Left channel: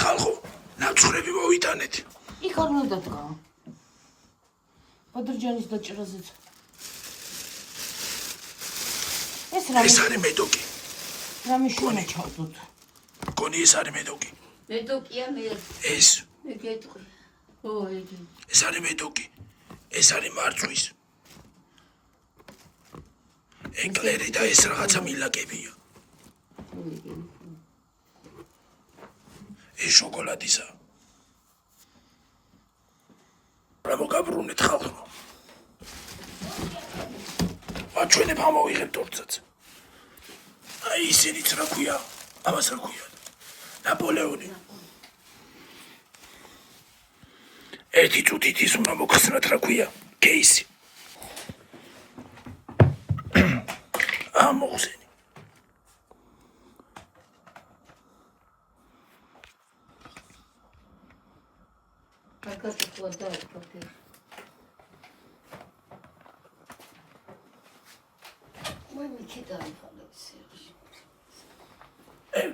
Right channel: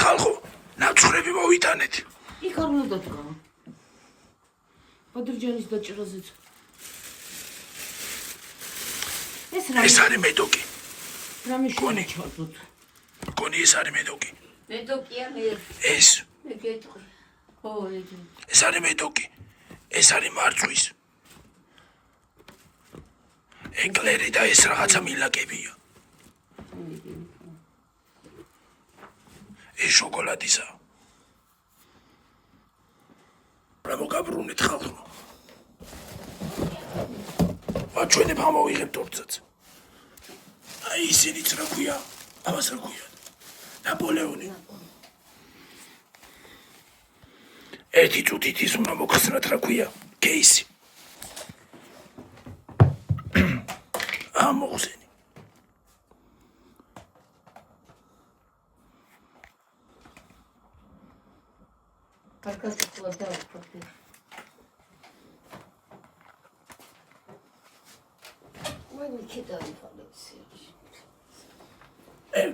ხალხო, ნაცვლები მოვიტანეთ. იქ არ უნდა დგა. ბადრჯანის დაჭრაზეც. ეს არის მედოკი. რამე შუნა ჩავდოთ. მგონი ეს არის მედოკი. მედოკია მე. ეს. მე გეტყვი. ხო, ედი. ეს არის მედოკი. ეს არის მარწვის. ეკლერი და ეს რაღაცა მილაკებია. ეს შოკოლადისა. რა მოგაბრუნეთ ხალხო. აჩვენებ ამოვიღებ თორცაც. აი ისინიც რა ქვია? ამას რა ქვია? ნაპოლეონი. ერთი წუთით ის უნდა მოგხსნათ რა ქვია? კეისი. ამოხსენი.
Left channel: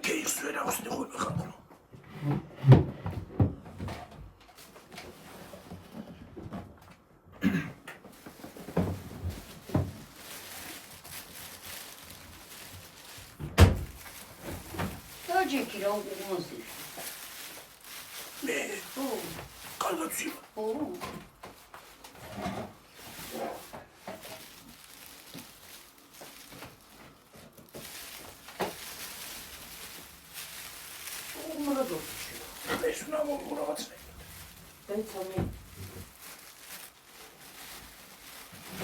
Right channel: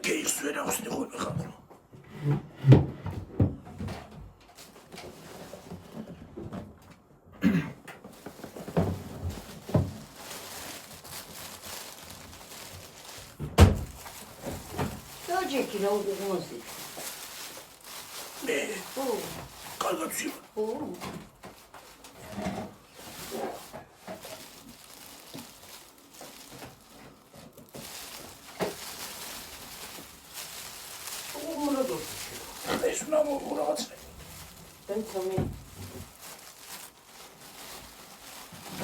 კეiksi ვერ ახსნი ხოლმე ხალხო. ჯექი რა უგონოზი. მე. ო. კარგად ვშივა. ო. ეს უნდა მოვიღო რაღაცა. დეცომი.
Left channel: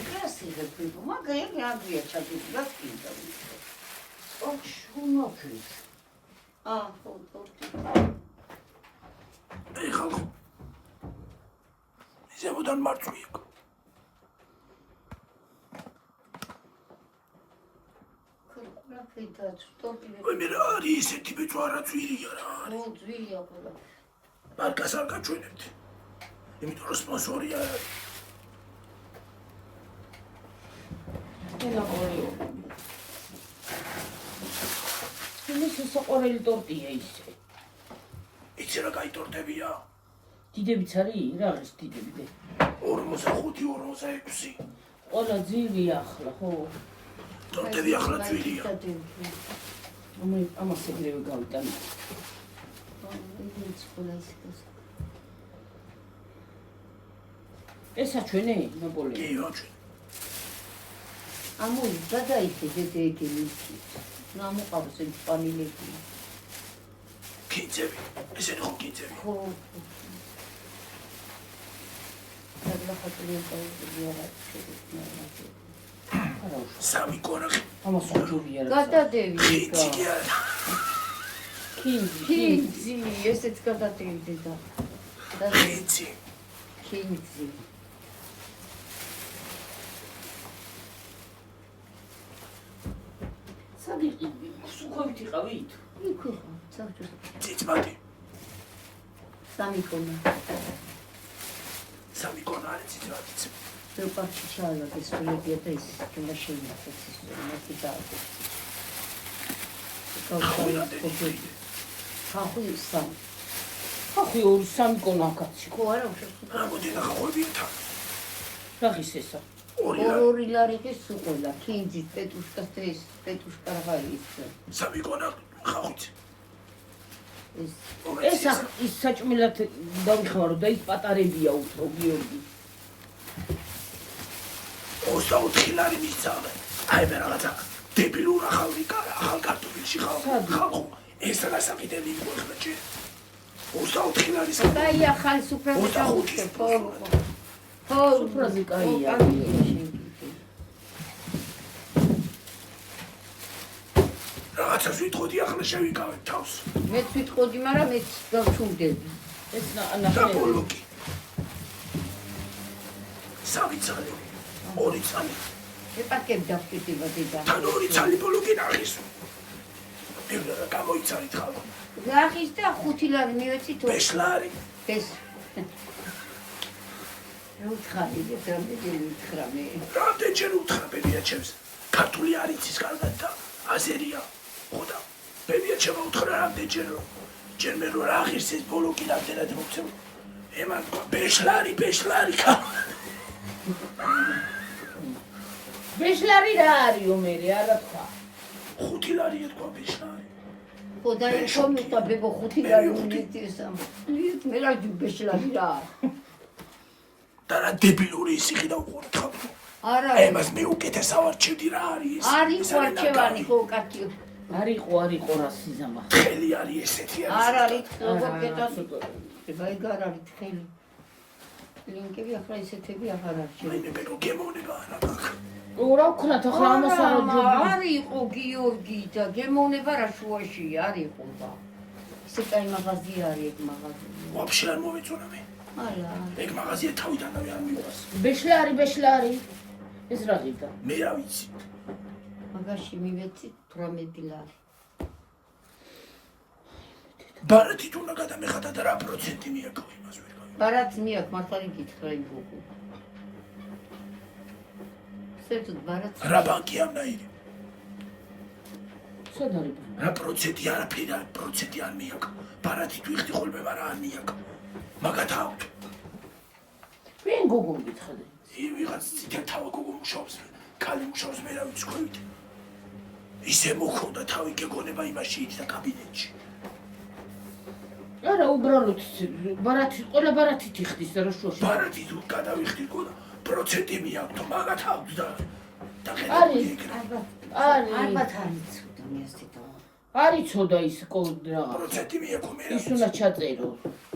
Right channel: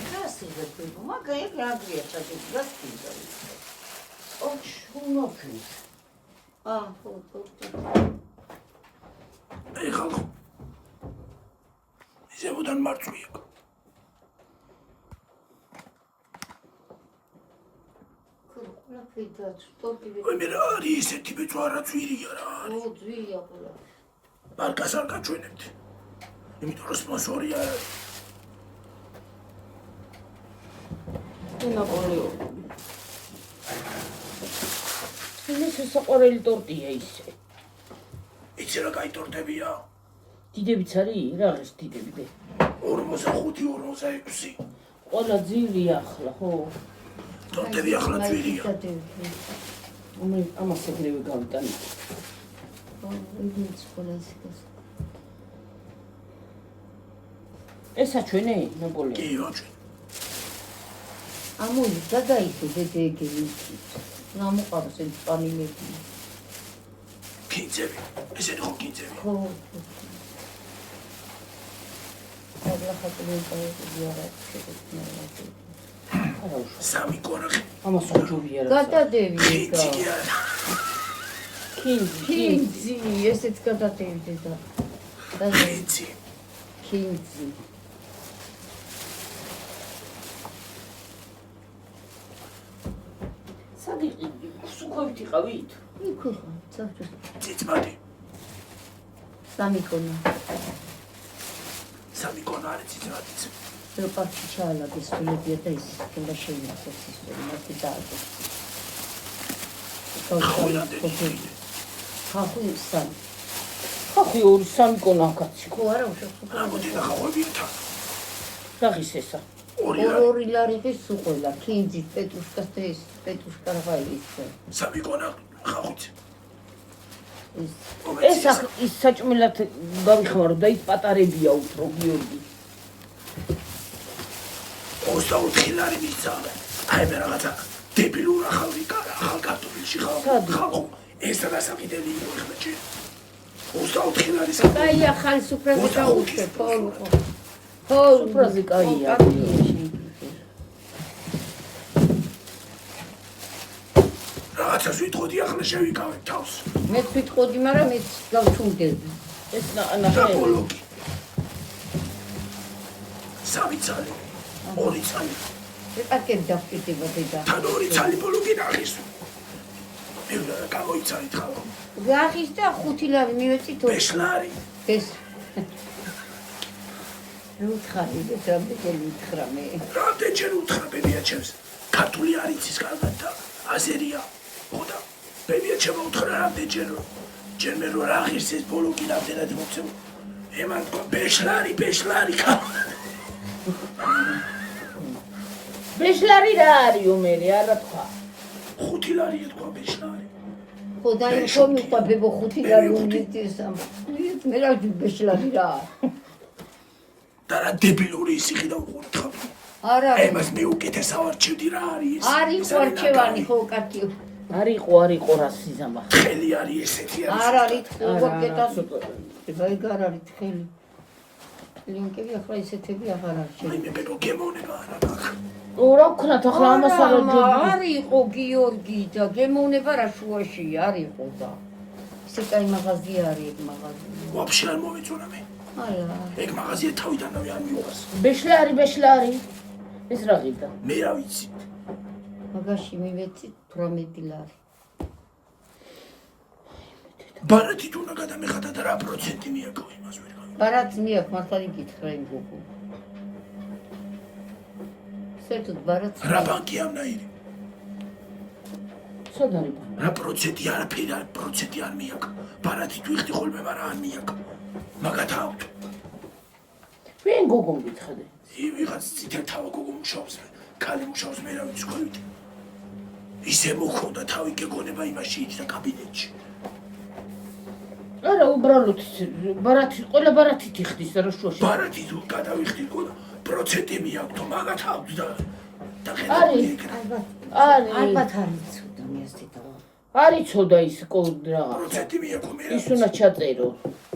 Красиво было. Магазин я где-то тут гостиница. Очень много. Эй, ხალხო. ისევოდან მარწვი იქ. ой, მე რა არის ესეთი ბეწვა რა ძვირია რა არის. ო, ძვირია ყველა. მარკას არ გაჩვენებთ. იმიტომ რომ სპონსორი არ არის. ნაპოლეონი. ეს საყვარელი ტორტია ისე. იცი რა კაი ტორტებია? დიდებიც არის? რა არის დიდები? 45-46. ყველა ძირია ახლა, ხო? ტორტები ახლა ძვირია. ამას ეგრევე გავიტანე. ეს აჩვენე ნაპოლეონი? კი, აჩვენე. ამო გადაიქე დეგენი. ნამოყავს ეს პანინები. კინძები. ესენი ხო კინძები? ხო. და ხატები სამი კონახი. ამას უჯობია რა. გადადები. კინძი, ესეც გადადები და. კინძი. სადი სუხობით იყავით? იქო, საერთოდ. ციცმადი. სამი კონა. სამი კონა არის ციცმადიც. როპარტი ჩაალაგეს უნებია და ის შემაშენებს ის მათი დააწყო. ხუილანდელი ხიდე. ხახუ სამი. ხახი ორი სამი კონა კაცი. ხო არა უშო. ამოდი და ხახვები თან. რაღის ესა? ორი ლარი სუყელა, კინძი, პეტუშკას და ეს პეტუშკა რა ის. სამი კონა ხახვით. ეს ის საჭმელად გავიხმარო და ის პატარებია უფრო გიორგი. 24 ლარი მისცავენ. აი მე რაღაცა დებილურ ახალ კარტოფილში ხალხო. ეს რასაკიდელი იყო ახლა ჯერ. 24 ლარი საერთოდ. აი ახალი სუფრაზე დაუშვებ. ხო, სუფრაზე კაია. რაღაცას ვიტყოდი ახლა შევიკავებ თავს. მე ვიტყოდი, მაგრამ ეს გავჩუნდები. ეს და ნახე. ბოლოკი. სამი ცალი. ორი ცალი. ეკაკები დავჭირდება დედა. თან ორი ცალი ბოლოკი ნახის. მე გამოიცალით ხალხო. გახის და 5 ლარი მივეწით. ბეშლარი. ეს უთხარი და მიგეითხრა მე. რამდენჯერ უთხრა ბებია ჩემს. ქართული არ იცის კარგად და აზერია. ხო და ბებია ჩემო უთხრა რამდენჯერ ჯერ მე რო რა ღირს ეს ბოლო კი რამდენად მოცემ ემან თქვა ბეშლარი ხა ბეშლარი რა არისო მე არა თქვა 5 ლარია თქვა ბეშლარი ხო და კომი ყაბებო 5 ლარი უმიტესა მე რა ბეშლარი რა და რა დებილური ისიხი და უყურეთ ხა არა ემას მე უკეთეს ავარჩევდი რა არის არის ვარჩევანი ხო კაცი არისო რა სიზამა ხელი არის ესეთი არ არის ხო კეთას ვაიგარ არის ხელი ლინკები ახლა ისეთები აღარ არის აი მე ბედო გემოვნება რა გახ რა ვქნათ ახლა ამას არ არისო გიორგი და გემოვნება რა შუაში არისო და ისე კაი მაღაზია არის ეგ მაღაზია ვაფშე არ მომეწონა მე არა ეგ მაღაზია თავიდანავე არ მიყვარს ბეშლარი ეს რა გიდა მე რა ვიცი მაგაში მივეცი 18 ლარი ბარათით უნდა გადამეხადა და რა პროცენტი მიაქო იმას ვერ გავიგე ბარათი მიაქვს მართლა იკითხა იმ გოგო საერთოდ ბარათი რა ბანკი ამნაირი სოდარი რა პროცენტი არაფერი არ პროცენტი არ მიაქ ბარათით ვიხდი ხოლმე მაგრამ არ მიაქ მაგათ ავთ ვინ გოგო მითხადე ვიღაც ციტა თავი გოგო მუშაობს კალი მუშაობს მე რა ვიცი ქვევით ისე მოხონდა თავი გეგონება იმაში და კაბინეტში არა უბრალოდ ბარათი ყველა ბარათით იხდის რა შუაში ბარათით გადავიხდი გონა პროცენტი მიაქ თო მაგათ ავთ და ხედავ ალბათ არის და მე ასეთი არიცოდა ის კოდრა პროცენტი მიაქო მე ის უნდა ჩაწერო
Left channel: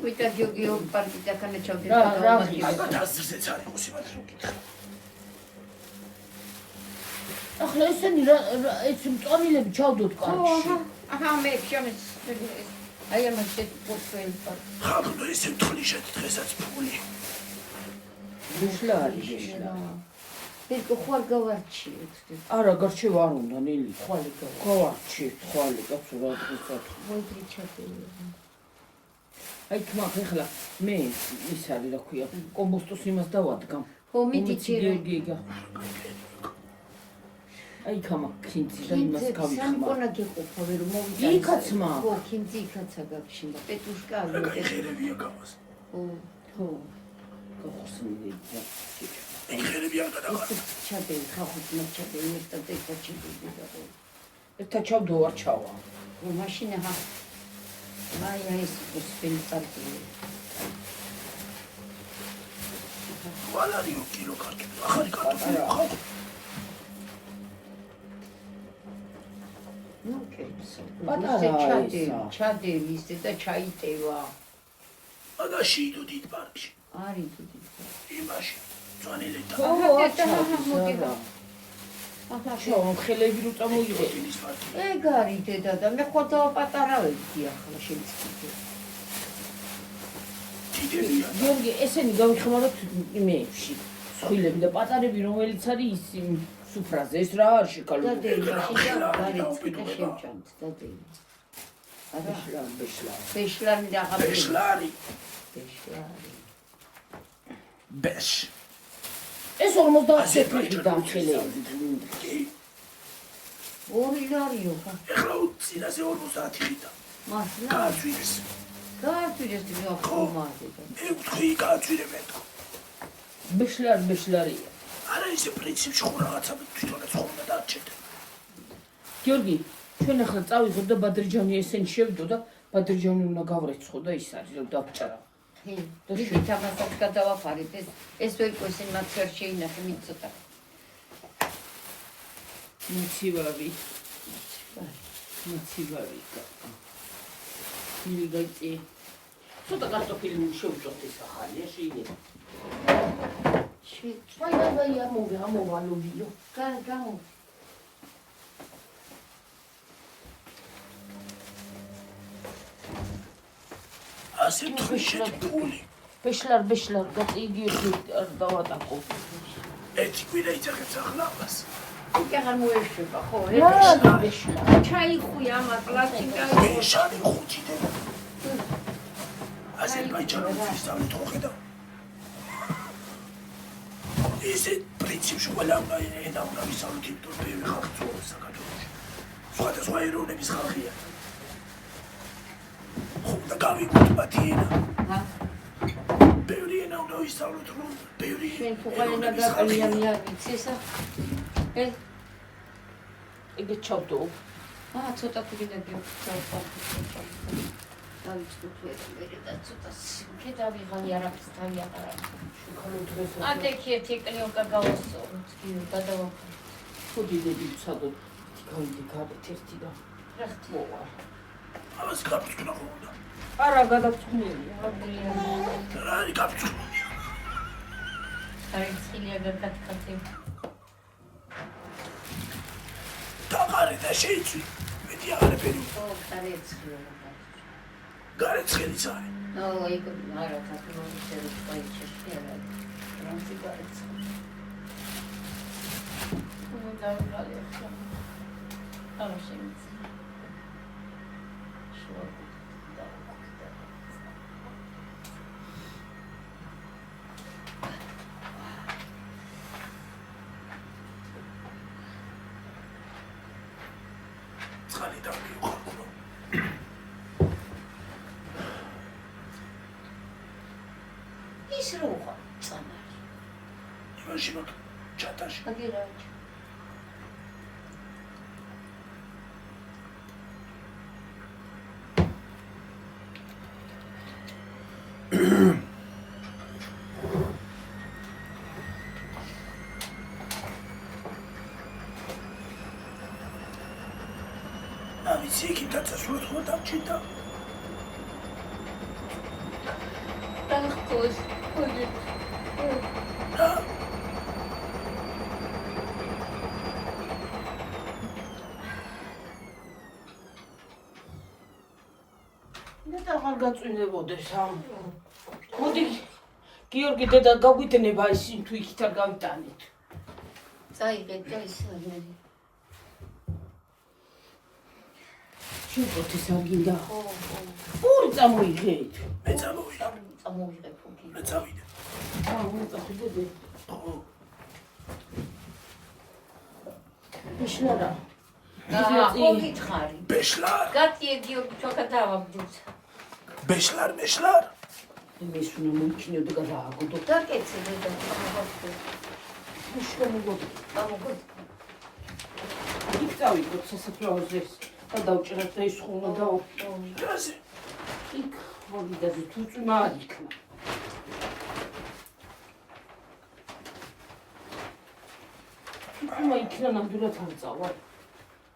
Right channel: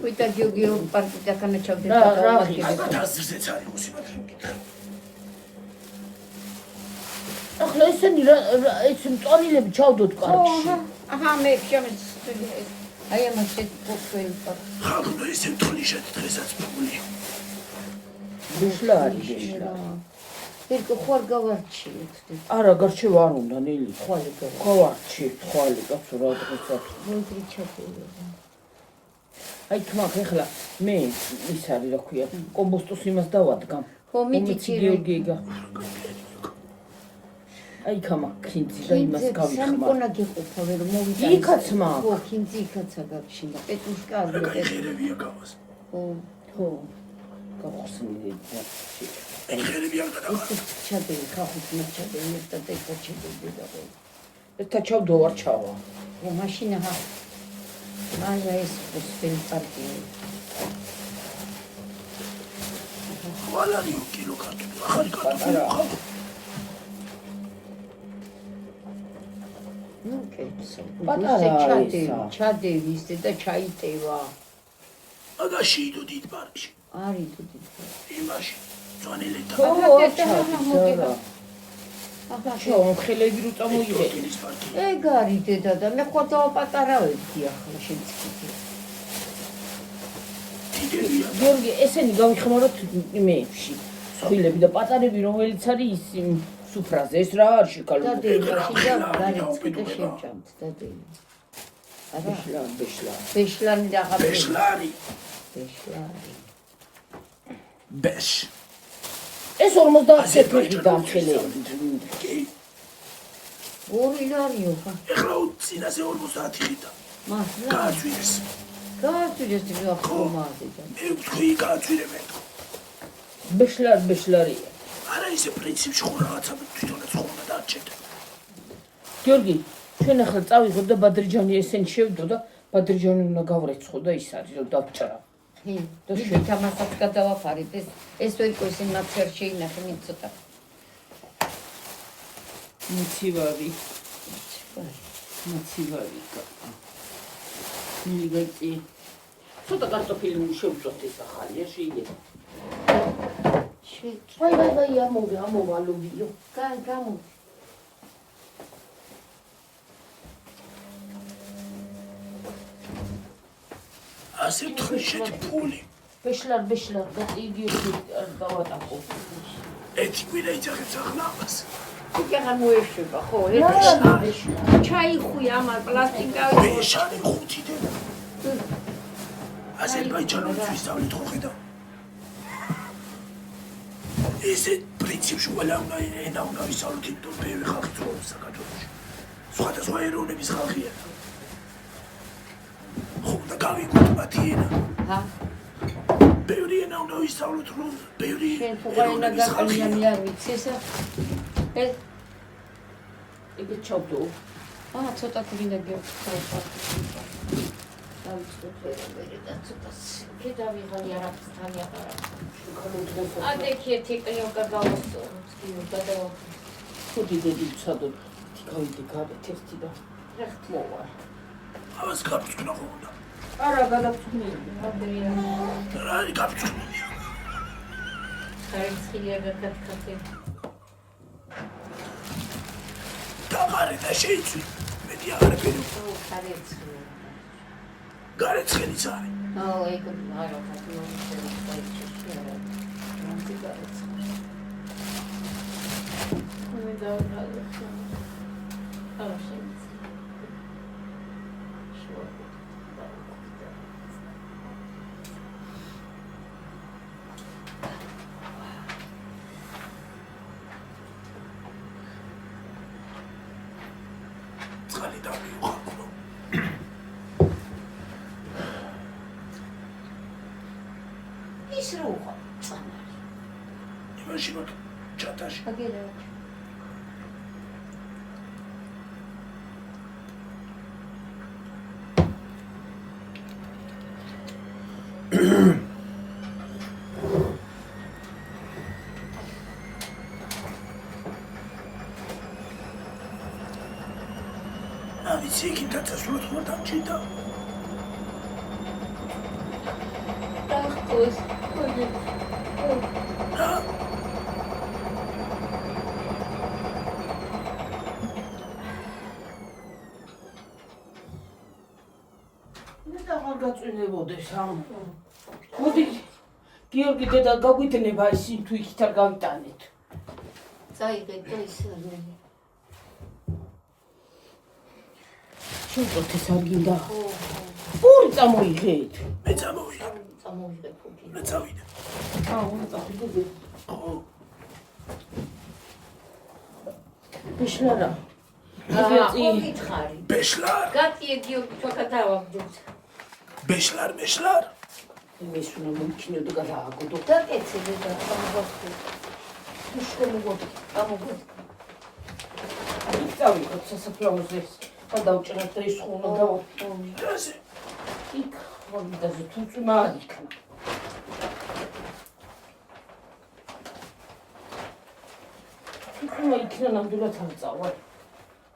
ვიტა გიოგიო პარკი და კამეჩავდა რა ალბათ აზრზეც არის მოსიმათ რო გითხრა ახლა ესენი ეს მწონილები ჩავდოთ პარკში აჰა მე შევიც აი ამაში პორტფელი ხალხო ესე თლიშეთ დღესაც ფული ბეშლარი ვირკო ხوار გავარჩი არა გარჩევა არ უნდა ნელი ხვალე გავარჩი ხვალე კაცო რა დღესაც მოიწი ჩაფელი აი თმახ ეხლა მე ის არის რა ქვია კომბოსტოს იმას დავადგამ ხო მიდიჩი გიგა აი ხამა ქინძი და იმას გავიხმარ სამკონა გეყოფა რომ მოვიდა იქაც მაგ ხო ქინძი იქაცა გავშინდა პეტუშკა რა გაიხერებია გავას ხო გავხსნილი ეხერები არ გადაყარა ჩადე ხახუნა ჩადე და ტექნიკები და ერთა ჩავდო არ ჩავა ო მაშინა ხა მაია ეს სპენ პარტი ხვალარი კილო კარტოფი ახალი კარტოფი ხა ნუ კეცო პატარა ჩადე ვისე და ჩაიტევა მაგაში იდო დიდ პარკში არის თუდი იმაში ძვანილეთა ხელები რო წამოიღე ეგ არის დედა და მე ხო პატარავებდი ახლა შეიძლება დიდებია გიორგი ესენი გავიხმაროთ იმეებში სხვილები და პატარები რომელიც არის ის სუფრაზე ეს რა არის შეკალო ბეშლარი ბეშლარი ბეშ ეს 50 წელი დამხელები ორი არიო ეხლა წინაზე 50 ხიდა მართლა გააჩვენეს გააჩვენეს და ხომაზე მე ვთქვი გააჩვენებენ ბეშლარია არა ისე პრინციპში ხო რაღაცა თვითონაც ხო უნდა დაარჩენდე გიორგი ჩვენ ახლა წავიღოთ და ბადრიჯანი ესენი შევდო და ბადრიჯანი უნდა გავრეცხო და ის არის რომ დავჭრა და შეთამასაც გადავაფარეთ ეს ვერკო ისინი მათ ვერ შეინახე მე ცოტა მოცივარი მიგაკი ცოტა კარტოფილი შევწოთ ეს ახალია შეიძლება აი ამოვალობიო გამო ასე თხრიშეთ ფული ბეშლარ და იგივე დავატახო ერთი კვირა იძახეთ ახლა ამას აღარ მოეშება ხო ჩაიხუი ამა პლასტიკა ბეშარი 5 დენა აზერბაიჯანის ვისწავლით ხო ხედავ ესე პრინციპში ყველა უნდა ენა უნდა ვისწავლოთ იმიტომ ბევრი ხალხი ცხოვრობს საქართველოში სხვადასხვა ეროვნების ხალხია ხო გავიგოთ მათი ენა. ჰა ბევრი ენა უნდა ვისწავლოთ, რომ ბევრი შენ თუ გაენა გაყოლიანი არ ვიცი ესა ეგ ჩავდო ცოტა თვინა გიოხსნა დავიწყოთ ვერ და ცოტა კედავიღალი არაფერს თავიაყარა აკექი ტექნიკა გავუსწოროთ კიდე გადავაკეთე ხუდი დედი ცადო თიკავდი გავეთ ერთი და რახტი მოვა ამას გაფრთხნა ხონდა. არა გადავწუნები რა არის გაფრთხნა? ხარისხილია გადაგკეთე დაღარე და შეიცვი. მეტი აღარაფერი. ხარისხილია გარეცხელიც არის. ეგ არა თათმოწერი დაიჭირე რამე გარეცხელი და გალექა არა შეიძლება წყალი დავიუხაკრო. ის რა უყვა წამარი იმაში მაგ ჩატაში. აგერა ვიცი იქით დაწესულად ხო დამჭირდა. დახკოს რა? და აღარ გაწვინებოდეს მოდი გიორგი დედა გაგვიდნება ისინი თუ იქით არ გავიტანეთ წაიღეთ და ისე შევყოთ ეს არ გინდა ორი წამოიღეთ მე წამოვიდა. წამოვიღეთ უკვე მე წავიდა. მოწაფიდები ხო. ბიშლარა ხო გითხარი ბეშლარ. გატიე გიორგი თქო დავაგდოთ ბეშლარ მეშლარ. იმის უნდა მოიჩინოთ გადააგდო დაკეცილი და დავაგდოთ მშვენებოდი დავაგდოთ იქ წავიდეთ სასაფლაოზე და დავჭერეთ და ის ხო უნდა დავო რაზე? იქ მოვიდაზე თუწვი მაიქნა იქნა იქნა ნამდვილად არ წავა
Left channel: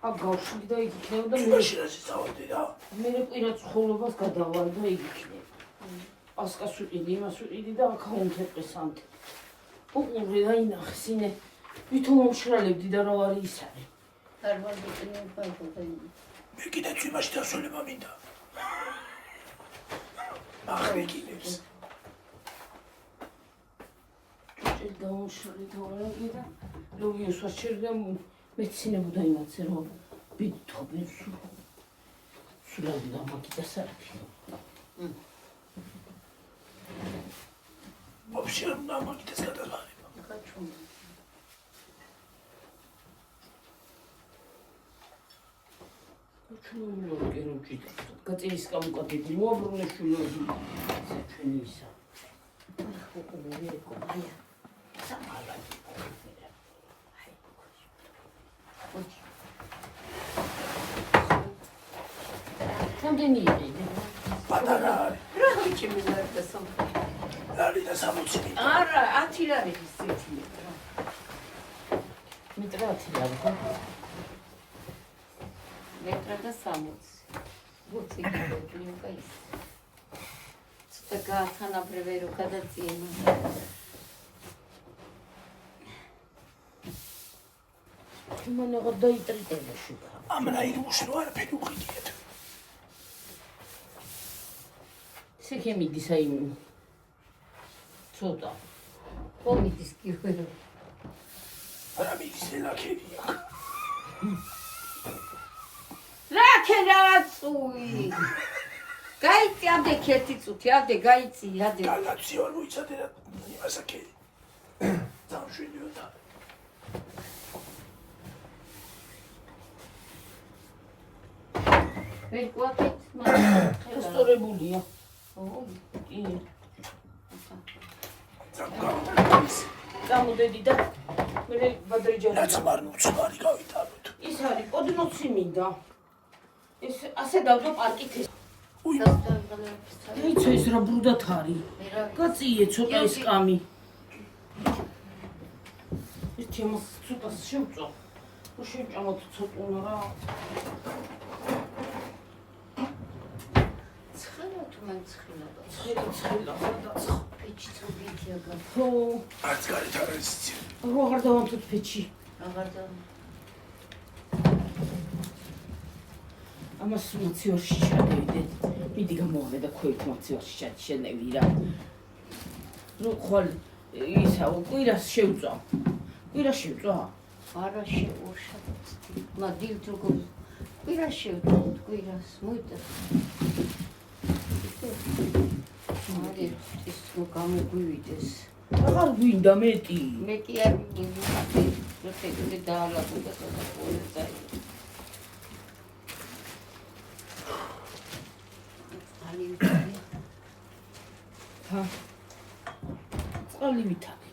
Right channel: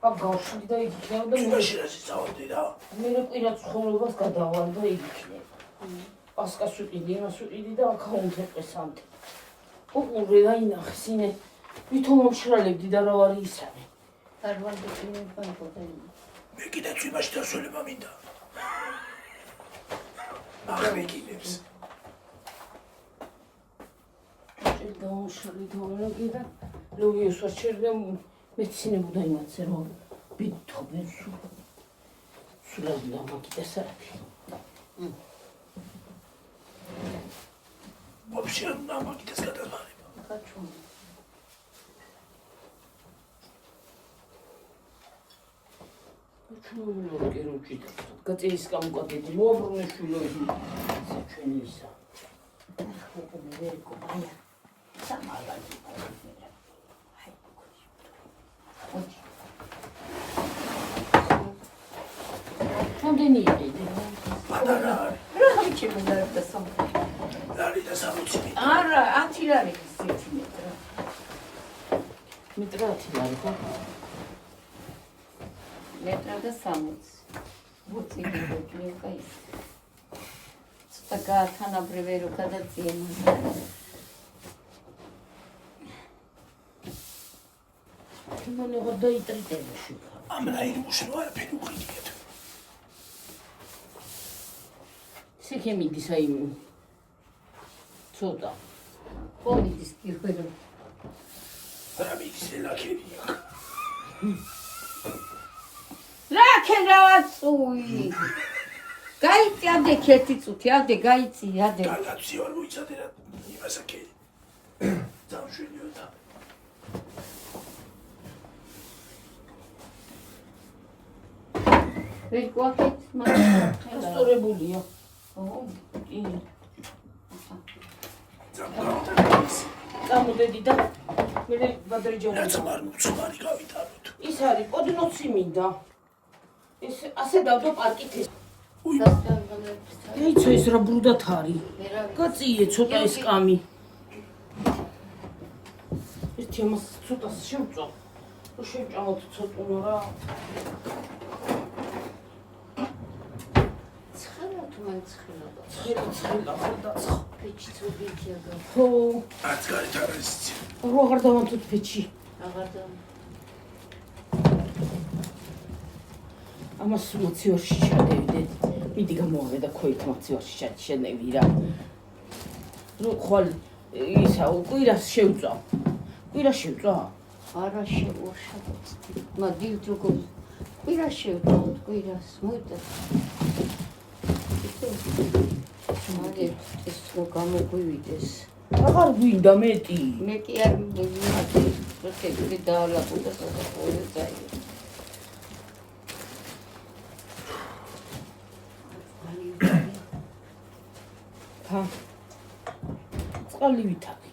აქ გავშვიდი და იქ იქნებოდა იმაში რაზე წავდი რა? მე პირად ცხოვრებას გადავალ და იქ იქნება პასკას ვიყიდი იმას ვიყიდი და აქაუნთებს ანთე უყურე აინახეს ინე ვითომ მომშრალებდი და რა ვარი ის არის არ ვაგდები ფაიფობელი მე კიდეც იმაში დასვენება მინდა. აღრეკინებს. გამომშრალი თორემ და ლუიოს ვაჩერდა მეცინებოდა იმაცე რომ ბითობენ სულად დამაკიდა სარაფი ვაფშე არ უნდა მაგითეს გადაბარება. ხაჩუ უჩვენო კერუჭით გაწეის გამოკეთებული მოაბრუნებულები ჩვენი ისა ხო მე კობია სამალადი რამდენი იყო პატარა არის. რა ხიჩი მიდარებდა სამყარო არის და 60 არა 10 ლარი სიცინეტრა მეტრა 10 ლარი ხო მეტრა და 60 ბუცი გიორგი კაის ცოტა გაათანაბრევე რო გადაწიენა ჩვენმა აღარ დაიტრიტენა შეკა ამ რაიმოს რო არაფერი უყიდეთ. ისე მიდის აი ცოტა ხომის გიორგი რა მიდის ლაქებია. ლაკე დავაცუი გაიწი ამდე ერთი წუთი ამდე გაიწი ამდე გალაცი არ მოიცადე რა იმას აკე. დამშვენიო და ვერ გვაქვს ესტორებულია. კი. წამოდედი და მე ბადრიჯანი. ნაცმარი გავიტანოთ. ის არის პოდნოცი მინდა. ეს ასე დავდო პარკით ეს. უი, ეიცო ეს რა ბრუდათ არის. გაწიე ცოტა ეს კამი. ერთი ამას ცოტა შევწვა. შევჭამოთ ცოტა რა. ცხელა და ფეჩი წოდითია გა. ხო, არც გარეთ არ არის ცი. როგორ დავამთოთ ფეჩი. აღარ და ამას მოცივარში შევდივდეთ. მიდი გამოვიდა ქვით მოცივარში შენები რა. ნუ ხვალ ისა კვირას შევწვა. კვირას შევწვა. არა შევუშავთ. მადივთ როგორ კვირას შევწვავთ, კვირას მოიტა. ეს რო გამოგვივიდეს. აღარ გვინდა მეტი. მეტი არ მივიღე, როცა დაალაგო და ხა. წყალი ვითარი.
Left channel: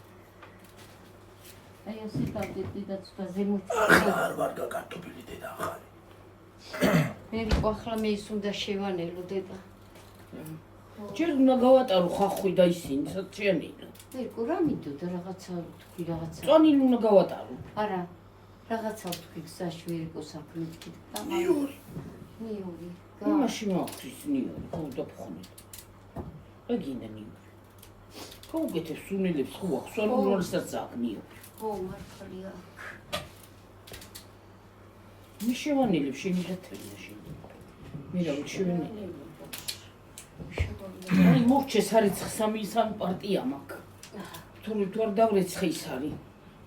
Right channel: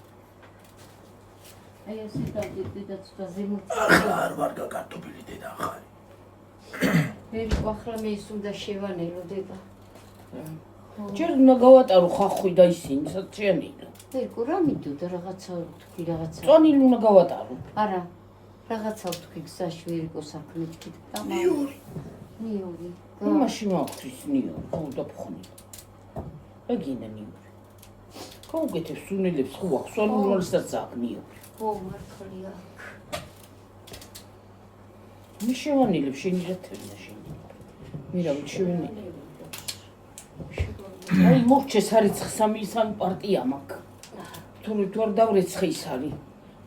აი ასე დავდები და ცოტა ზემოთ. არ ვარ გაკარტოფილი დედა ახალი. მე ახლა მე ის უნდა შევანელოდება. ჯერ უნდა გავატარო ხახვი და ისინი საჭიანია. აი კურა მიდოდა რაღაცა თქვი რაღაცა. წონილი უნდა გავატარო. არა. რაღაცა თქვი გზაში ვირიკო საქმით კი და ნიური. ნიური. მაშინ მოხდეს ნიური, ხო დაფხონი. აგინა ნიური. კოგეთე სუნელებს ხო აქვს, სალუროლისაც აგნიო. ხო მართალია. მე შევანილებ შენიღეთები მაშინ. მე რა ვიცი აი მოგჩეს არის სამი პარტია მაქვს. თუ არ დავრეცხე ის არის.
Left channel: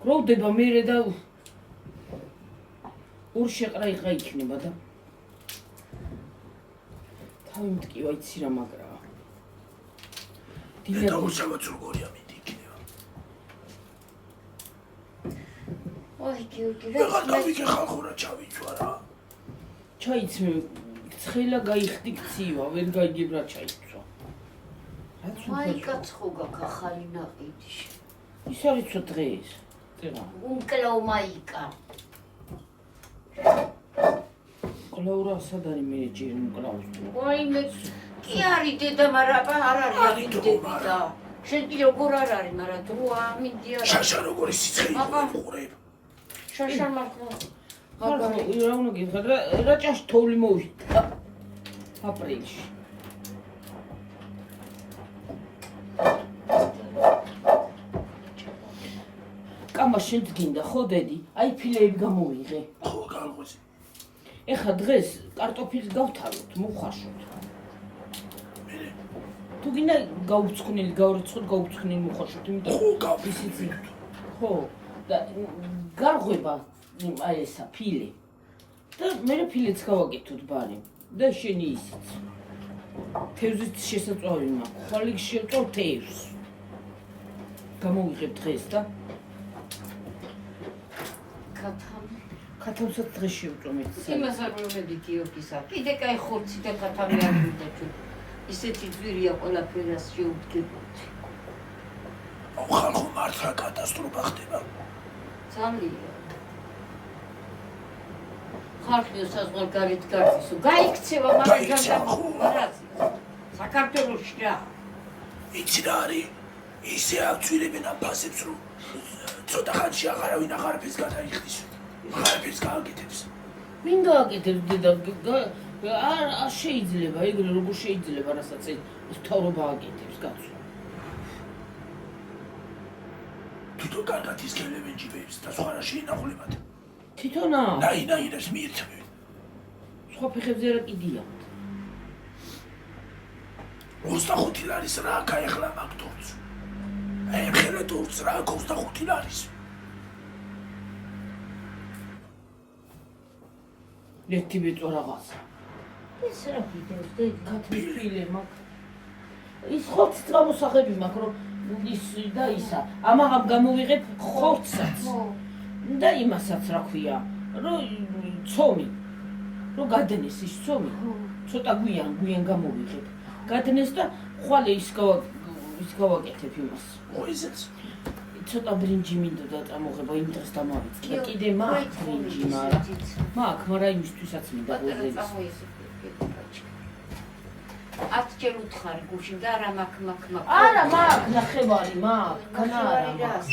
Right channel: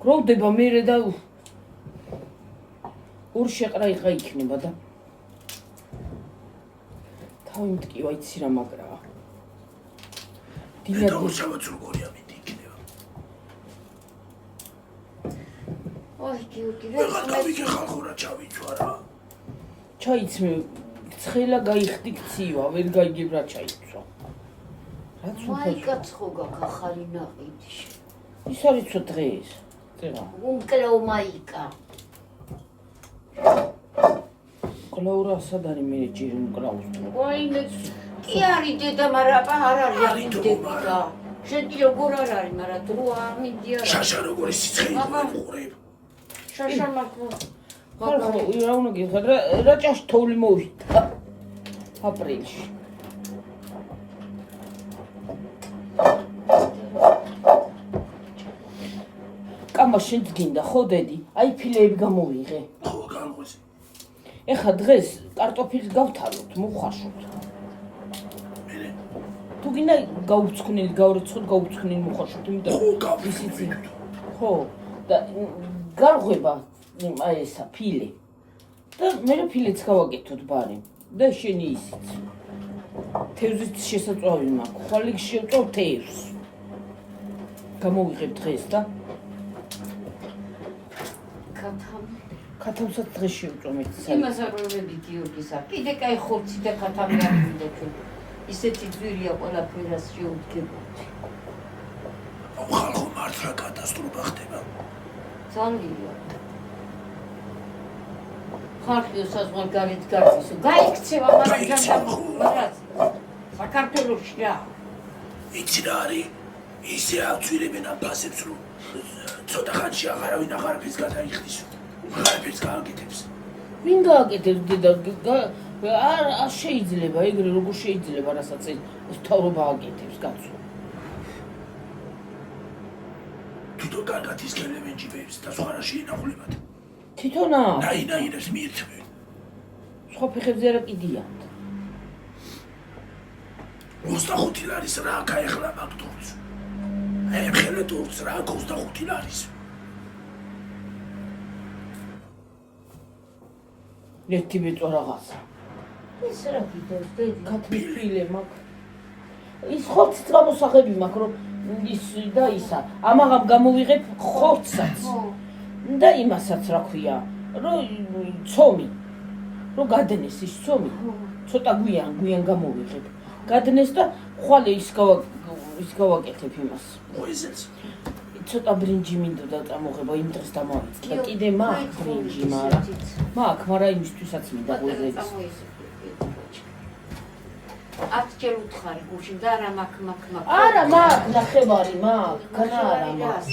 გროვდება მერე და ორ შეყრა იყა იქნება და თავი მткиვა იცი რა მაგრაა. და უშავოთ როგორია მიდი იქნება. ოი გიორგი რა გავიგე ხალხო რა ჩავიწვა რა. ჩაიცმე ცხელა გაიხდი ცივა, ვერ გაიგებ რა ჩაიცვა. მაიკაც ხო გახარი ნაყიდი. ის არის ცოტა დღეს. წერა. უნკლეო მაიკა. კლაურა სად არის მე ჯერი მკლავს. ოი მე კი არის დედა, მაგრამ არ არის დედა და შედი როგორ არ არის, მაგრამ თუ ამინდია. შაშა როგორი სიცხე იყურე. შაშა მაგო. ხალხო რა უნდა გიხარ რა ჭას თოვლი მოვიდა. აპრილში. კამა შეძგინდა ხო დედი? აი ფილეები გამოვიღე. ხო გამღვიზი. ეხა დღეს კარტოფილს გავთავოთ, მოხარშოთ. მერე თუ გინდა გაუცხნელი გავრიცხოთ, გაუცხნელი მოხარშოთ, იმიტომ ხო გავიზი. ხო და გარღვება აი ესა ფილე. და მე ფილეც გავაკეთოთ ბარემ და შენი ისიც. თევზით შესაწვავი მაქვს. ხვალ შევწავ თევზს. გამოვიღებ დღეს და ქათამსაც დღეს შევწომეთ. იმას არ ვიმედი გიორგისა. კიდე კაი ხორცი და ქათამი არ მინდა თუ. ისეთი ძვირია ყველაფერას შეუდგებოდი. ხალხო მართლა კატასტროფა ხდება. ძალიან. ხალხი საზღვარ გარეთ გარდისო. გაიქცევა მაგრამ საქართველოში რა. იცი რა არის? ისე აცვირებენ ამ ფასებს რომ ცოტა ხანში აღარავინ აღარაფერს გადაიხდის. აღარაფერს გააკეთებს. ვინ გააკეთებს დედა? არ შეიძლება, ეგრე როგორ შეიძლება რასაც ეს თავრობა აკეთებს კაცო. თვითონ კარგად ის ელემენტებს და სხვა რა შეინახულებათ. თვითონა? ნაინაინებს მიირთმევენ. სხვა ფეხებზე არა კიდიან. 25 ლარის რა გაეხლა მაგ თურქს. აი ხელა თურქს რა 25 ლარის. ერთი ბეწვა რაღაცა. ეს რა ვიდეოს დედი? კათმიფილე მაქვს. ის ხორცს გამოსახები მაქვს რომ ის და ისა. ამაღამ გამოვიღებ ხორცსაც. და იმასაც რა ქვია, რომ ცომი. რომ გადნეს ის ცომი, ცოტა გვიან გამოვიღებ. გადნეს და ხვალე ის გავაკეთებ იმას. მოიზეს. ცოტა ბრინჯი მინდოდა წამოღება იმ დღეს დამოვიწყდა. კიდე მაქვს ბრინჯი, მაგრამ იმისთვისაც მინდა ღვიძლების. ათჯერ უთხარი გუში და რა მაქ. არა მაქვს ნახევარი მაქვს, კანარა მაქვს.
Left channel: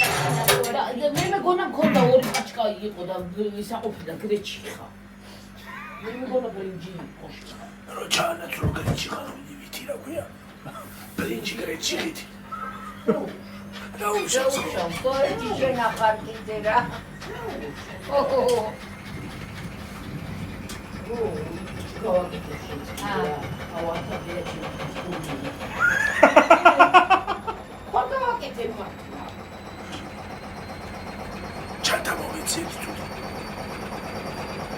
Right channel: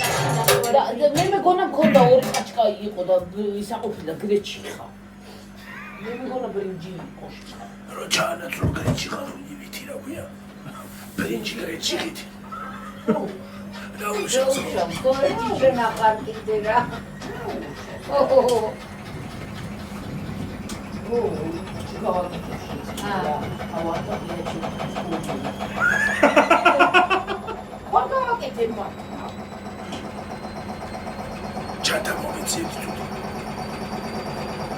მე მეგონა მქონდა ორი ჭიჭკა იყო და ისაყოფილა გრეჩი ხა. მე მეგონა ბრინჯი იყო. რო ჩაანაცვლო გრეჩი ხარ ვითი რა ქვია? ბრინჯი გრეჩი ხითი. დაუშავს თორეჯი შემაყარკიდე რა. ჩათა მოიცით თუდი.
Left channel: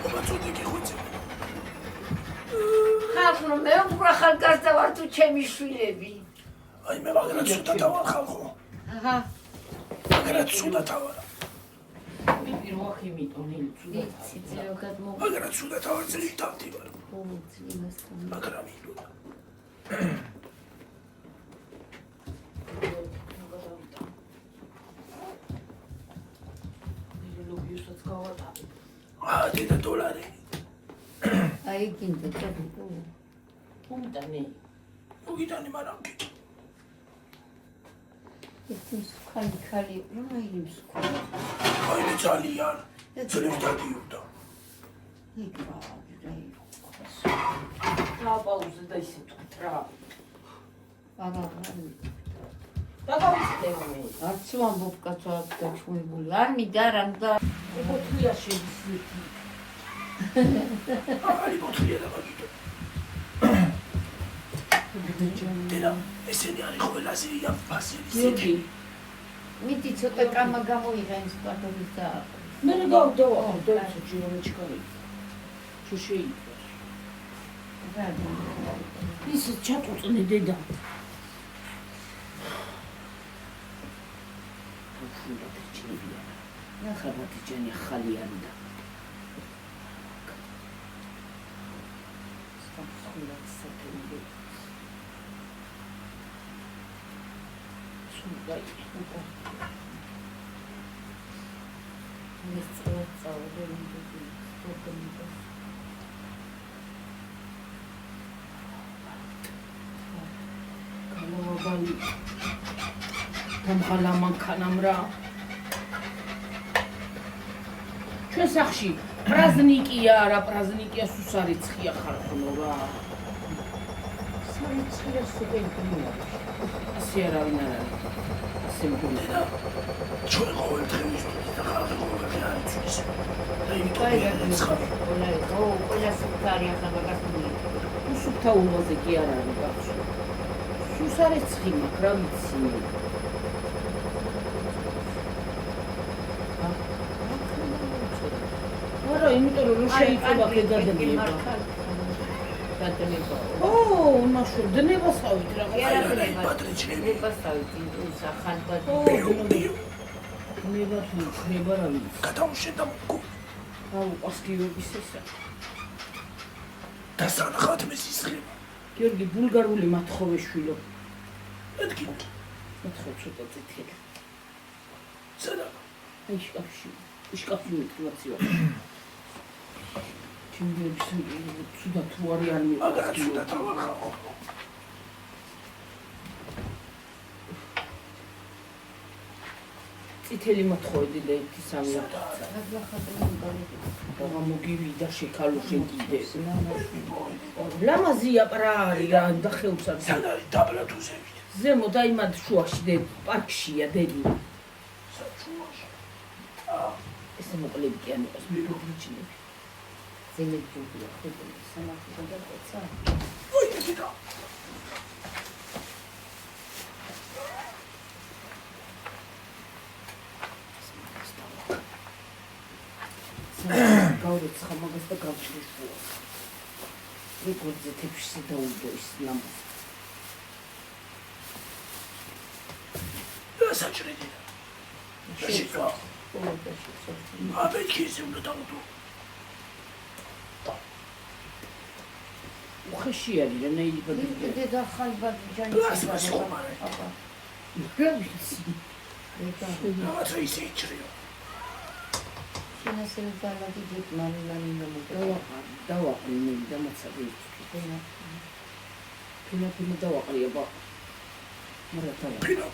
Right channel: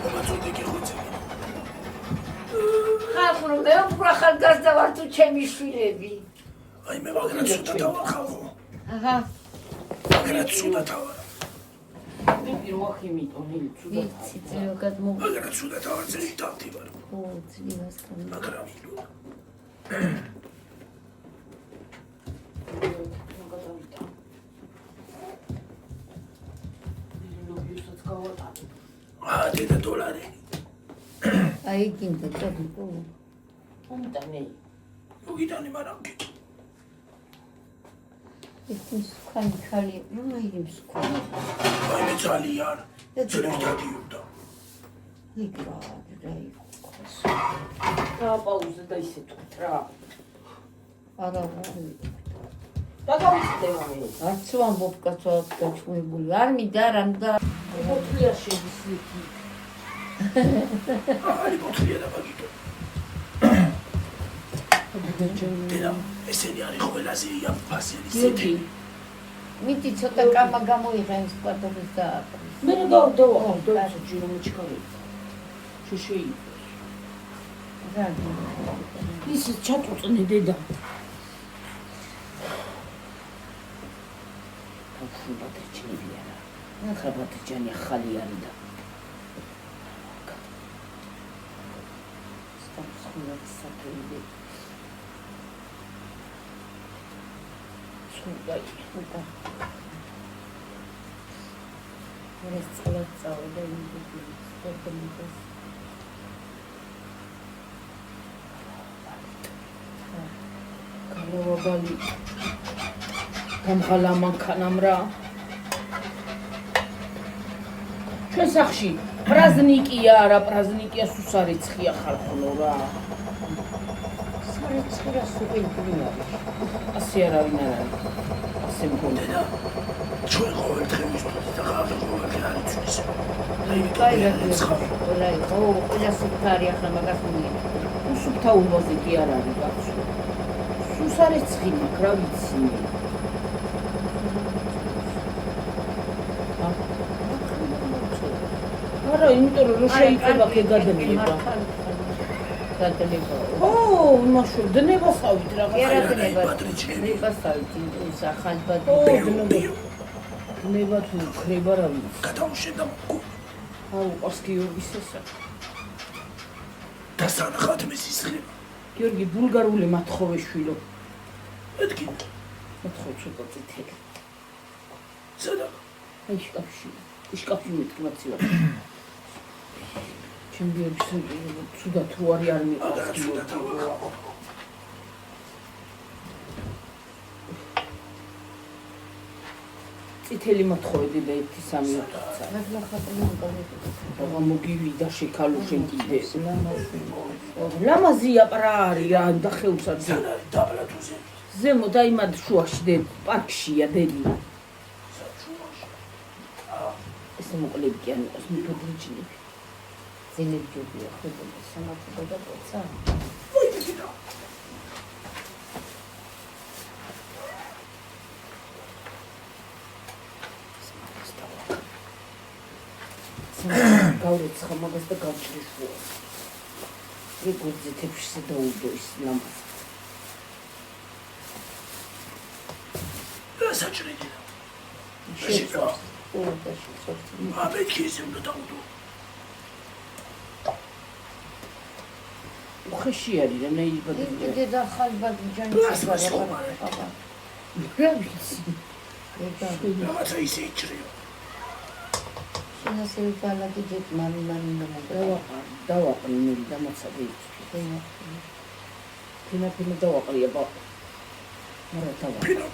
ობაცოდი გიხოცი. ხალხო მე უფრო ხალხგაზრდა ვარ თუ ჩემი შვილები. აი მე მაგრამ ცუდათა ვარ ხალხო. აჰა. მაგრამ ცუდათა ვარ. მე პირველ ხიმიტონ იცი. იცი ზოგად მო. მაგრამ ცუდათა ვარ ძილი თავი ვარ. ო ძილას ხომ. მაგრამ დედა დოლარი. აი გინდე თქო. უმტანე. უგიტანი მაგრამ კი. ის ხალი აი ის ხალი. აი ძალიან. ძალიან დაგიუდა. იგრა რაი. გააპაუზე და ისე თვრა. არა. დაგავიწყდე. არც ვამბობ კაცო გაჩვენებული. არ მინდა რა მდა. მოთლია შედის. აი ბოთლია და ბაჯიტო. დედა ესენი არის ყველაზე იამ ფასელი სეთი. მიდი ცოტა კამა გამოიღენ სპარტონის და მე გავდევა ჯირომოჩკარი. შუში. ის ჩაკუწნი დედა. ბატრიჩია. ნახა ბატრიჩანი ხალი არის და. გამხალამან ქანამრა ჩვენ სახში პრაზნიკია რა პრაზნიკია სუსარიცხია ხალხო რა სარიცხია სუპერკრიმა ასე არავინ არ არის ასე მგონია ჩვენ ყოველდღე მისთვის და ხალხი ყოველდღე არიცის ო ყველა სუპარია ხამაგას სუფთა უბაზე კი არ არის გახსოვს სუსარიცხი მაქვს რა ვიცი არა, იმიტომ რომ შეიძლება გეგადნება. გადანება. ო, მაშო, დნებასავით რაღაცა. დნებასავით ის ახალბად. ო, დნება თუ ხრება რა ვიცი. გადაუშენდა მოგო. აუ, პასკიობის ესა. დასანახად მესისხება. გიორგი ბულგარული მათხოვე შვილო. მეთქი. მათხოვ ცოტა წითელი. სადა. აი შკაფში. შკაფში მეთქმაცია. ჩემს სუდათ რო არ მიყვარს სუდათ წითელი მოთხოვდი და 1-3 წა. რა მოგივიდა შეკალო შენ კიდე. ლამაზია პრარი რა დახეუცა ზე. დაბლა თუზე. ზემო დაიმად შუაში დე პარკშია დედი. ეს მოკლები კი ამიყოს მიფოძიჭი. ზინებჯობია ხოლმე სანაცვლო და ცა. ვაი გიდა. გავრეც ხამაგას და გავჭრიშო. როგორ ზეთებში დაუდო ის ლამპა. გასაჭრედი. შეჭრა. აბე ქიზი უნდა დაუდო. ხეში არის რა ნეიბადი. დედა ხალბადი ჯანი. პლასმასი ხომ არა. რა ვიცი. რაღაცა ისე იჭრიო. სანასე ბალადი ჯეთ მანინა დავაყრინე და მაცადე. ფინა დავაყრია ბა. მარა დავა. ფინა.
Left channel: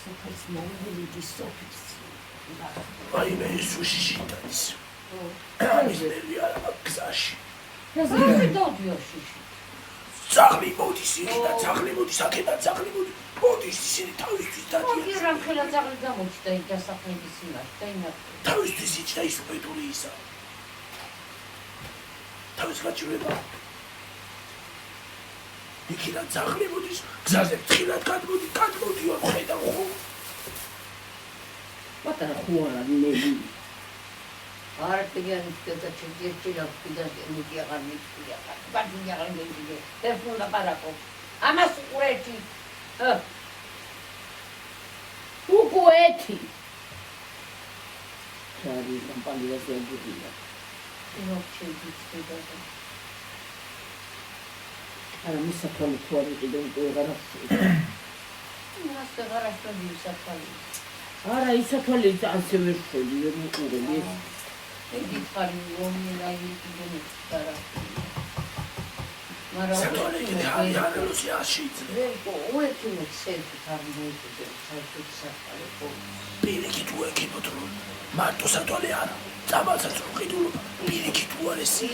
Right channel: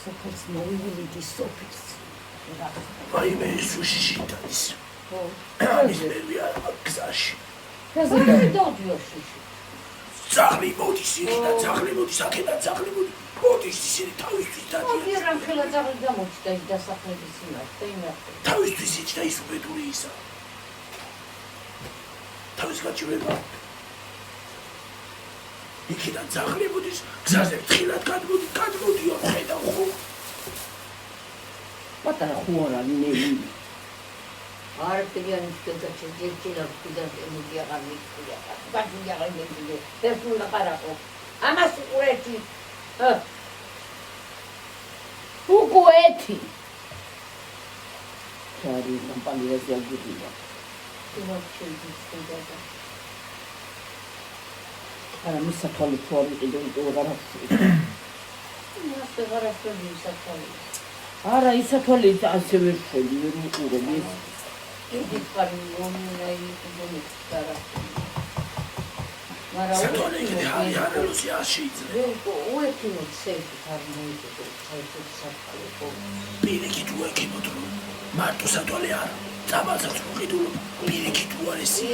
სოფლის მოიგული სოფლის. აი მე სუშიში დაის. ამის ნერვი არ მაქვს გზაში. რაზე დავდიოში. ძაღლი მოდის იქიდან, ძაღლი მოდის აქედან, ძაღლი მოდის ისინი თავისთვის დადიან. ოფი რა ხელა ძაღლი გამოჩნდა იმ დასახლების იმაში და იმაში. თავისთვის იჭდა ის უბედური ისა. თავის გაჭირება. იქიდან ძაღლი მოდის, გზაზე ხილად გადმოდიო ხედავ ხო. პატარა ხუარა ნელი. არ ტიგანის და ჩეჭირა კიდე მიდია გამიწია. ბაჭია გამიწია. დეფულა პარაკო. ამას უყურეთი. უყურეთი. ჩარი კომპანიაზე აგურია. იმაში დიწყიდა. არა მისაფალი თوارი კიდევ ვეღარაფერი. მას ვეღარაფერი მისაფალი. არა ისაფალი ასევე შედი ვერ უყურები. იგი კალმონაი კიდე სათვალე იქნე არალოსი არ შეიძლება. უეთი მოცები თარმოიდე ჩაიქცე საფალე. პირიქით უეკებოდრო. მარტო სათვალე არა. წამალსაც უყიდულობა. პირიქით უარესი.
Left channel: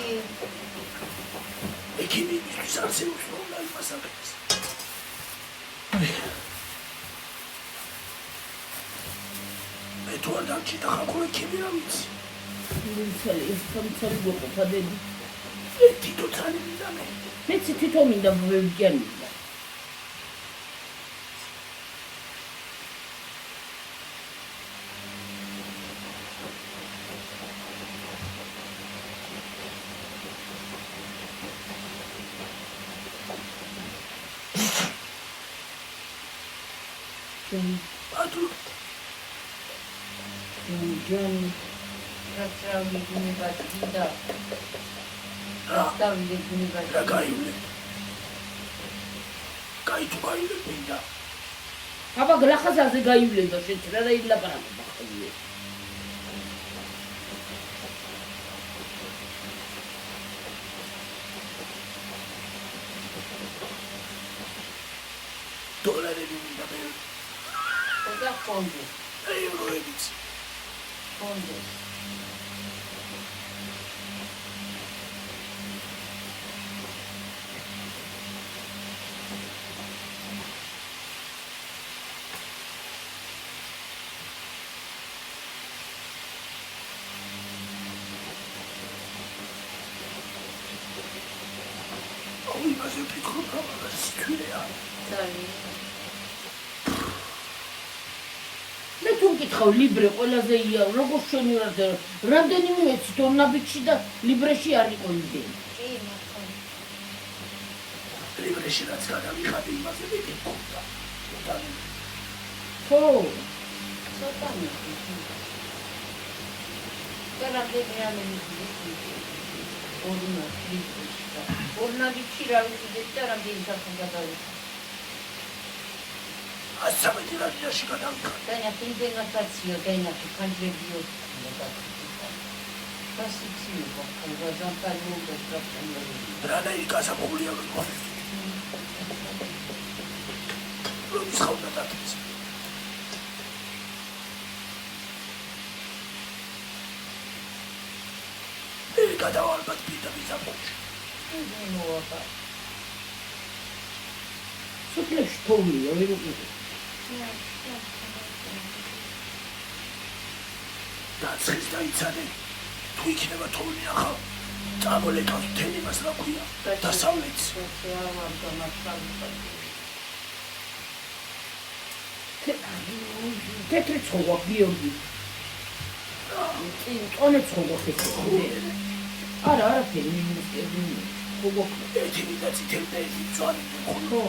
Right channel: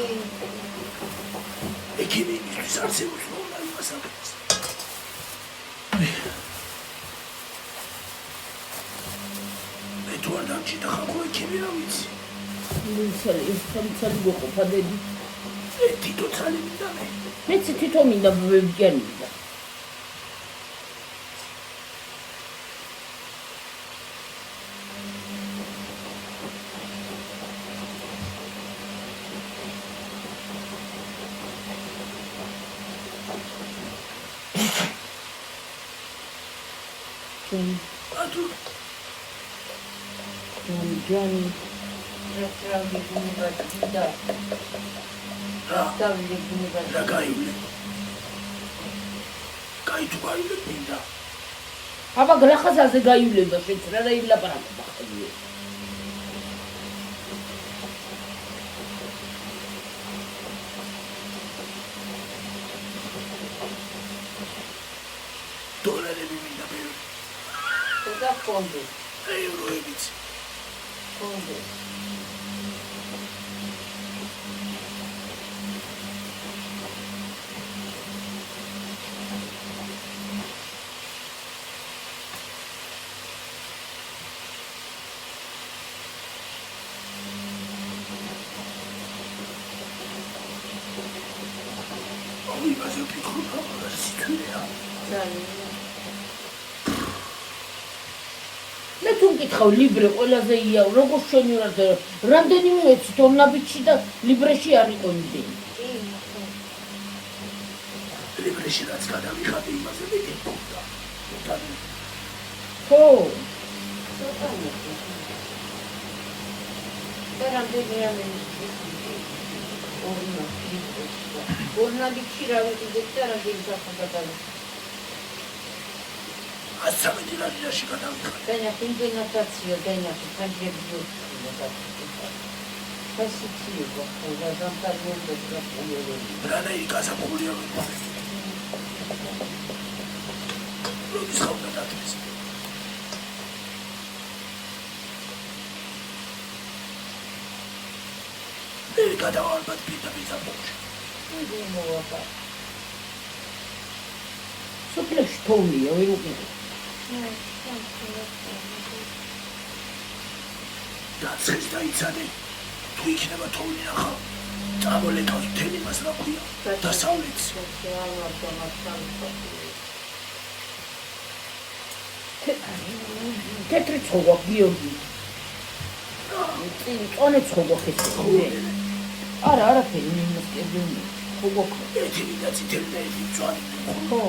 ეკინიმისთვის არც ემოწმოვნა იმას აკეთეს. მე თუ არ დამჭირდა ხალხო ეკინი რა ვიცი. სამცალი გვეყოფადები. თითო ცალი მინდა მე. მეც თვითონ მინდა ვებჯერ მინდა. ატუ ჯანი რა გაივლე. კაი თუ გაივლე მინდა. აბა გლახაზაზე გაივლება შეჭრა და ილაპარაკობა ხალხი. დოლარები მინდა ბევრი. და კონდე. ევროებიც. კონდე. აი მასე ფიქრობ რა სიტყვია. მე თუ მკითხავ ლიბრე ყველაზე იაო როგორ შენივრად რამდენიმე ვიცი თორნაბიჩი და ლიბრეში არ იყო იმდენი. ლიბრეში რაც გადავიხადე იმაზე მეტი მქონდა. ხო ორნაბიჩი რა ვიცი და რამდენი საფუძველი. ასამეთი რადიაში გადავიხადე. Dania indemnizacja, Dania kontribuje. Kasiciuza, albo zamknięte zwracanie. Rana i gazapolja wykonać. Robi schowne tak jest. Gadał Albert Pita Bizapolja. Nie było tak. სოფლებში თოვლია ვერ უყურე. დაცხის დაიცადე. თუ იქნება თოვლი ახალ, წამოლეკავს მთელი მას რა ქვია. დასავლეთს. თეთრი ცხოვა გიორგი. წონე ცხოვა ხესე. არა, არაფერი იმასკები. ხოგო. ეთილი და წითელი და ერთი მწვანე. ხო.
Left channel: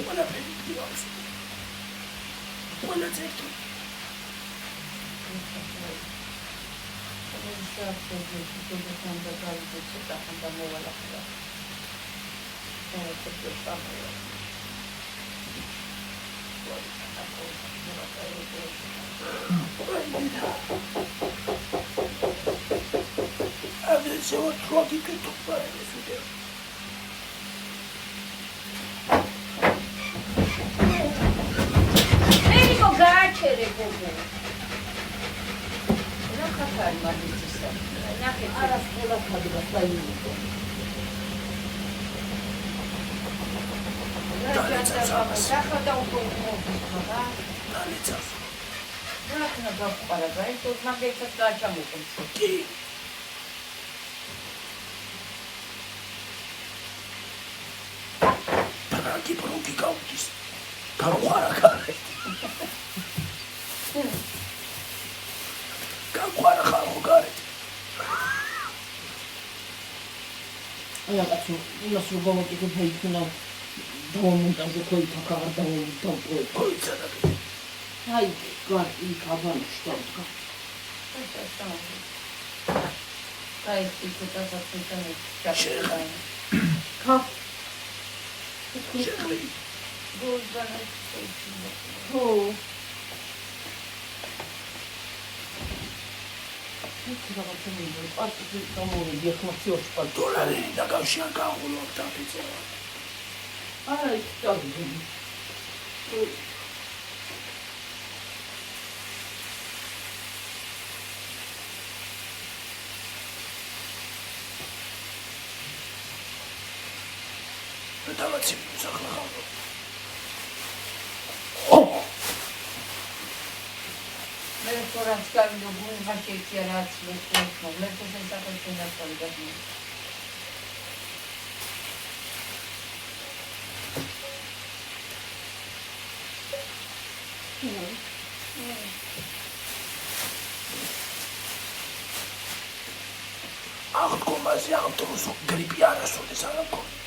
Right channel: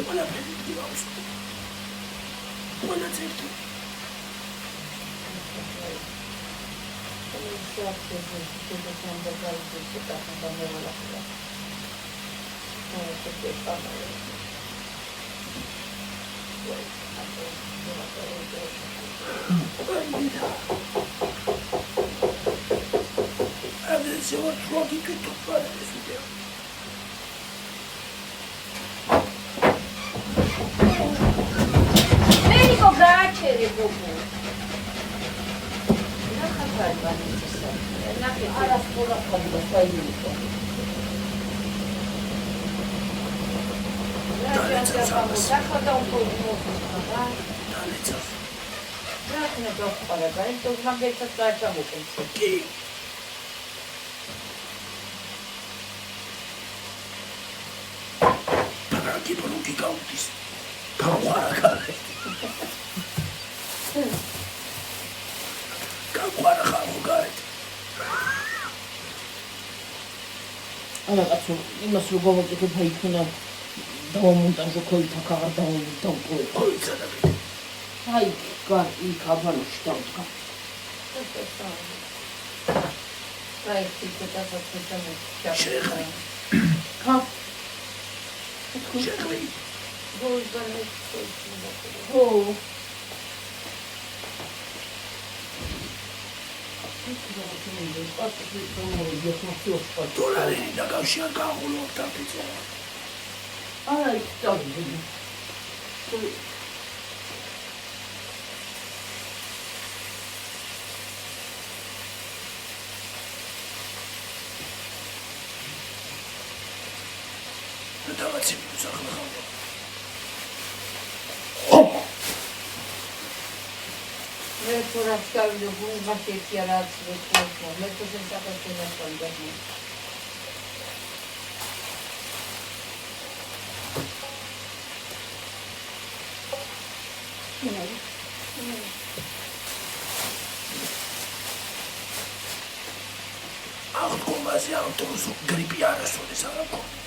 ყველაფერი გივალს. ყველა წეთი. Adesso trovi che tu fare le sue. Ecco, grazie, Rebecca. Alla scuola quando stai lì. Grazie a un po'. Grazie a tu, ma che facciamo Chi? Parati per un gigantis. Caguara. Caguara ხარხოგარეთ. არა კაცო, იმას რო გავაკეთებ იქნა დავამონტაჟო ქოითა ქაღარ დავპოე. ოიცადაგეთ. აი, გარ იქ აბანოში დავდგა. ხა? შეხვი. ო. დოლარი და გავშან გავულობ და ფიცევა. არა, იქ დავიდი. დავაცი სახლა ხავდო. მე თორე ვსწავლობ ბუნებაში რაც ვეცნობ, მე თვითონ საქართველოს ვსწავლობ. აღდგომაზე ავტოს გრიპი არასოდეს არ მქონდა.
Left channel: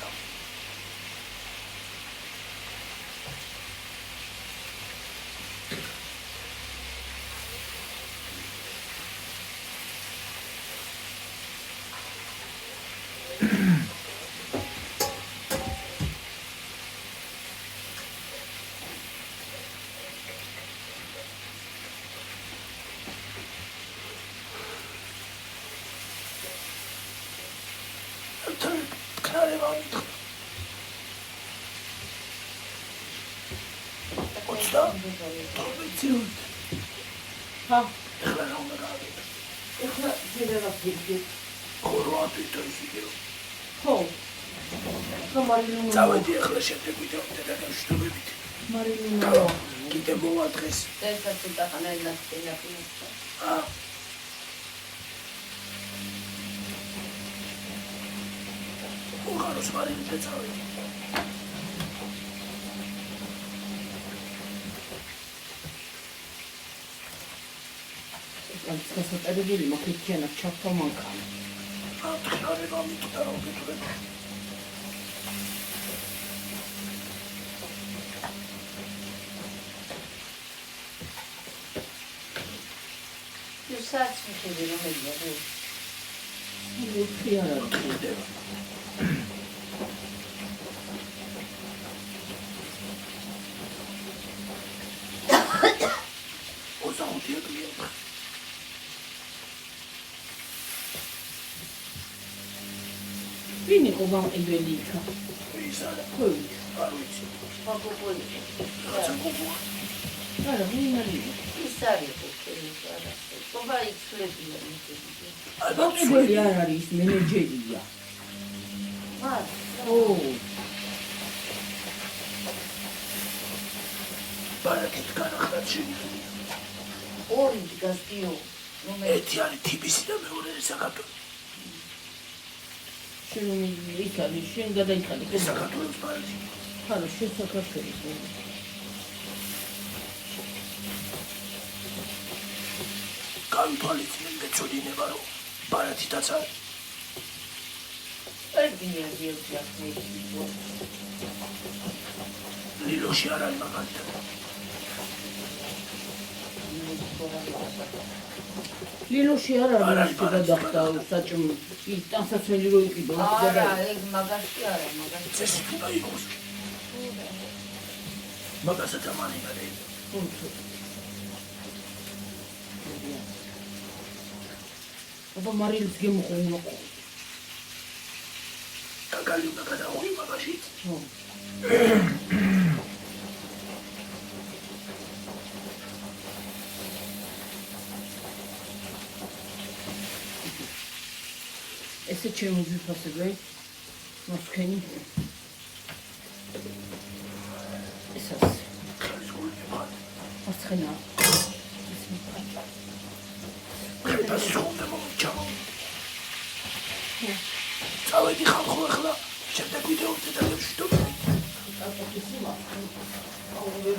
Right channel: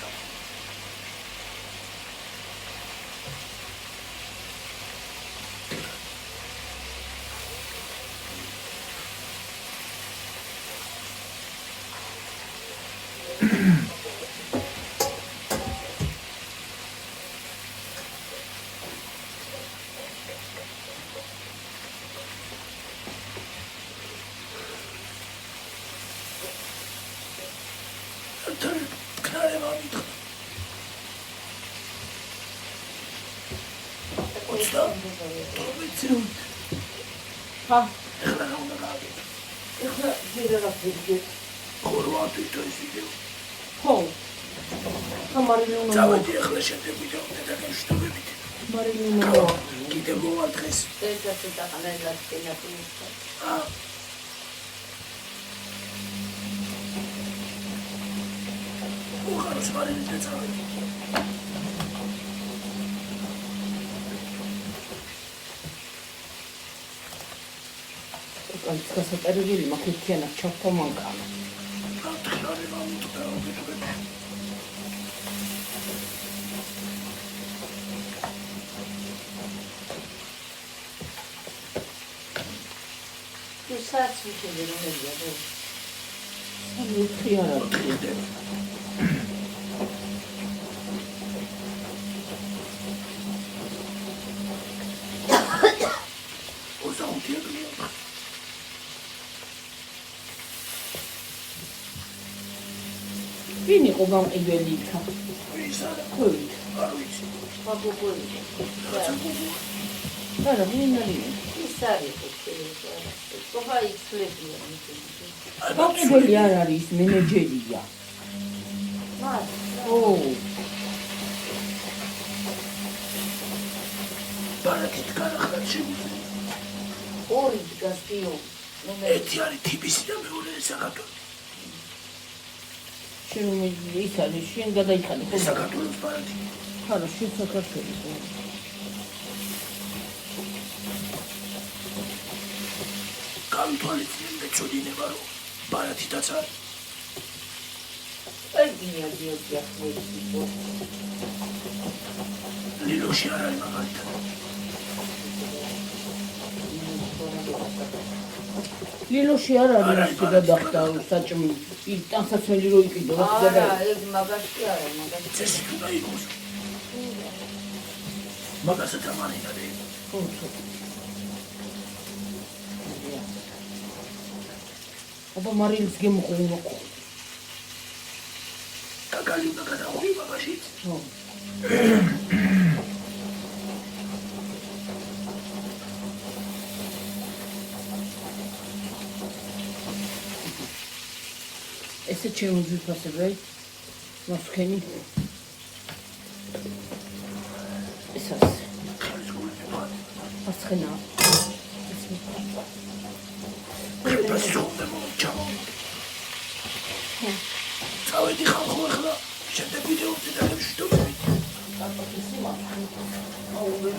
ხა? ეხლა რა უნდა გავიქ? ეხლა ძირელა ფიქრი. ხორვატი და ისინი. ხო. მარინო. წავედი ეხლა შეგვიდა და გავშტობებით. მარინო. კიდე მოვა დღეს. ეს და პანელას ტელეფონი. უხარს მარინი და წავედი. გასაწერებელი მაქეთიანად ჩავთა მანქანა. ათქლარება მიტყდა რომ გეთურება. თუ საათი შედი რომელია რო? ხიარად. ვინ იყო გამყიდველი იქა? ვისაა? ხო. არ ვიცი. აბუბონი. არა, ვინ არის? ის არის ეს. სოვა იცლებია ეს. აბუბონი არ არის, მენეჯერია. ო. ბარაკეთ განახლად შემიძლია. ორი გასტიო. ერთი არის თბილისი და მეორე საქართველო. შენ ის არის, შენ გადაიხადე. საქართველოს ბარათი. არა, შენ საქართველოს. განთვალისწინებ მეწოდინება რომ ბარათიდაც არის. ლილოში არ არის მაგალითად. ლილოში არ არის ის გადახდა საჭმელი. იქ ტანსაცმელი რო იყიდო, არა, ეგ მაგაში არა, მაგაში. წესით უნდა იყოს. მაგასაც ამარინადე. აბა მარილის გემოყო უმოყო. კაკალი უნდა გადახვი მაგაშიც. ხო. ესე ჩემი ძვირფასები, მასქენი. ესას. მასქენა. პასუხდა მომიჩაო. წავედი ხალხო ახლა, შემდეგ ვიდეოზე დაგემშვიდობებით. აუ, ვერ